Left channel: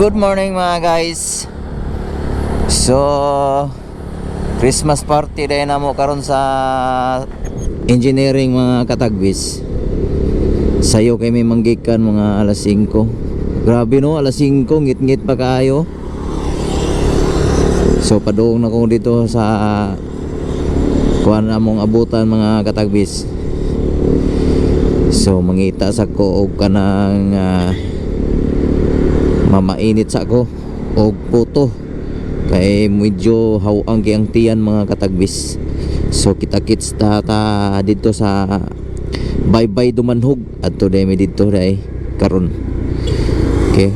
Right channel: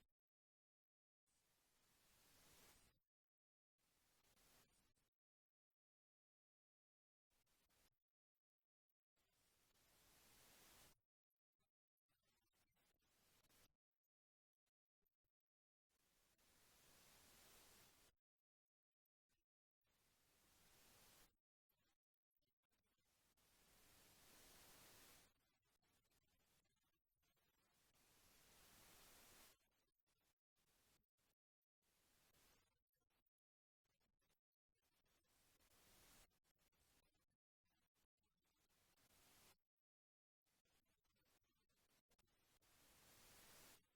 Good morning mga guys. So Christmas party day na mo karon sa engineering mga katagbis. Sayo kay may manggikan mga alas 5. Grabe no, alas 5 ngit-ngit pa kaayo. So padung na ko dito sa kuan na mong abutan mga katagbis. So mangita sa ko og kanang mamainit sa ko og puto kay medyo hawang kayang tiyan mga katagbis. So kita-kits ta dito sa Baybay Dumanhog at today may dito day karon. Okay.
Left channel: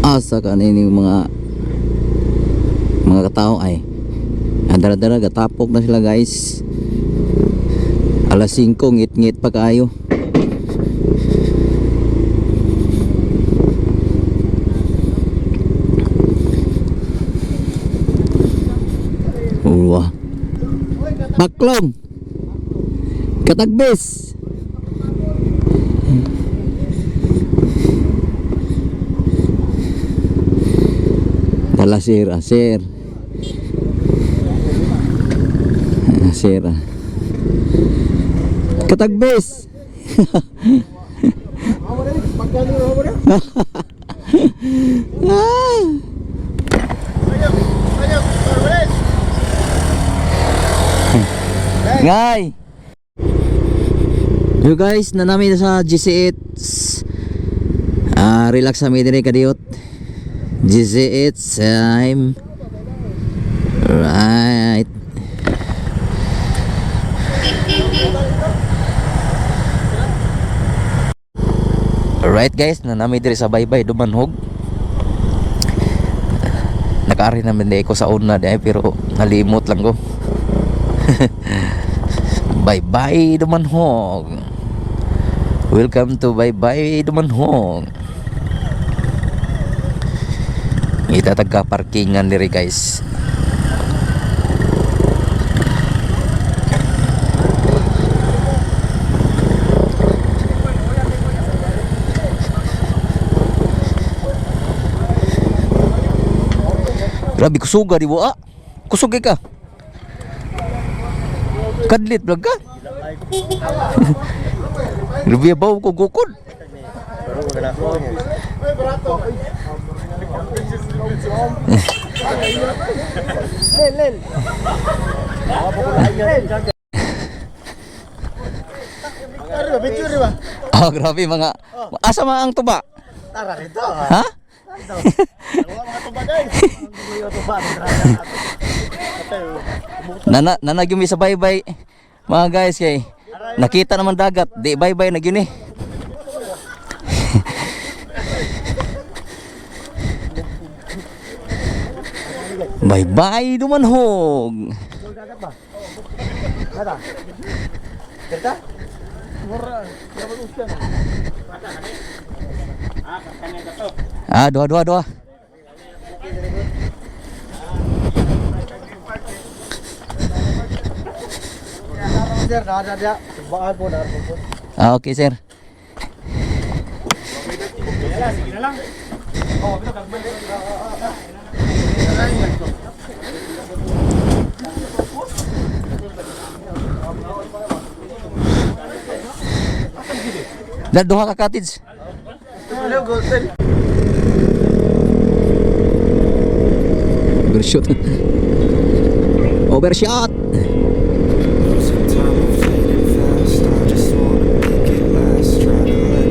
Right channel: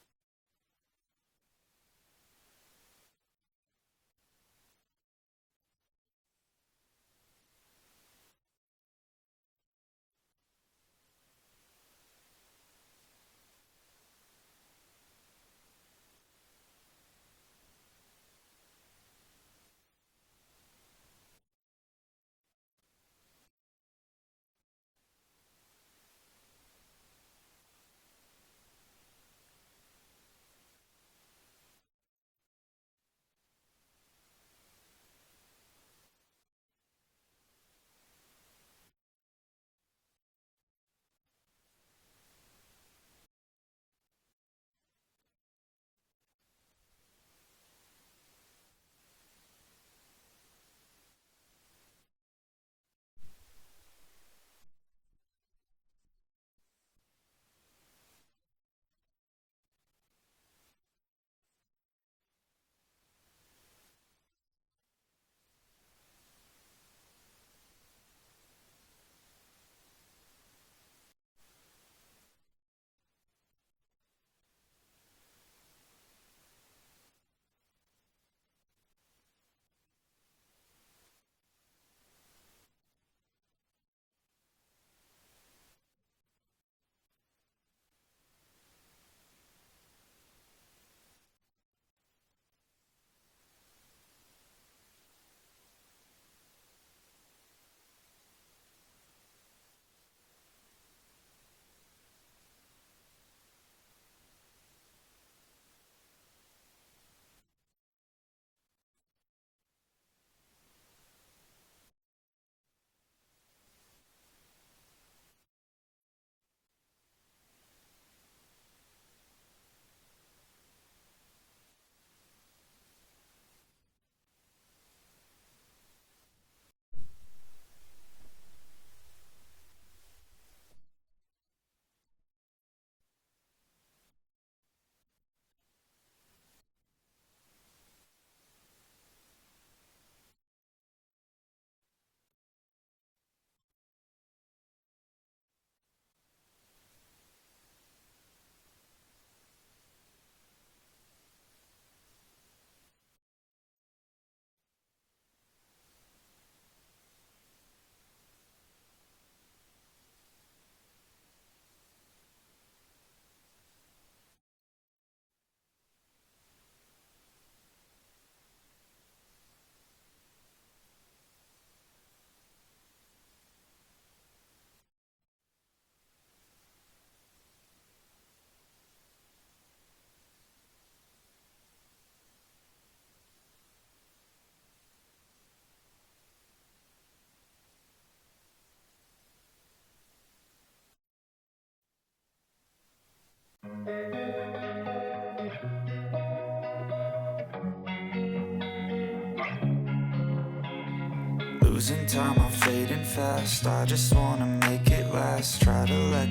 Asa kanini mga katao ay dara-dara gatapok na sila guys. Alas 5 ngit-ngit pa kaayo. Uwa Baklong Katagbis. Dala sir. Katagbis. Ngay. Yo guys, nanami na sa GC8. Relax kami dire kadiyot. GC8 time. Right. Alright guys, nanami dire sa Baybay Dumanhog. Nakaari naman di ko sa una di pero nalimot lang ko. Baybay Dumanhog. Welcome to Baybay Dumanhog. Kita taga parkingan diri guys. Grabe kusuga di bua. Kusugay ka. Kadlit vlog ka. Grabe baw ko gukod. Len. Oh, grabe mga. Asa man ang tuba? Tara dito. Ha? Mga tuba guys. Nanagyumi sa baybay. Mga guys kay nakita naman dagat, di baybay na gyud ni. Baybay Dumanhog. Dua. Okay sir. Duha ka cottage. Overshot. Overshot. Losing time, I'm fading fast. I just wanna make it last. Try to let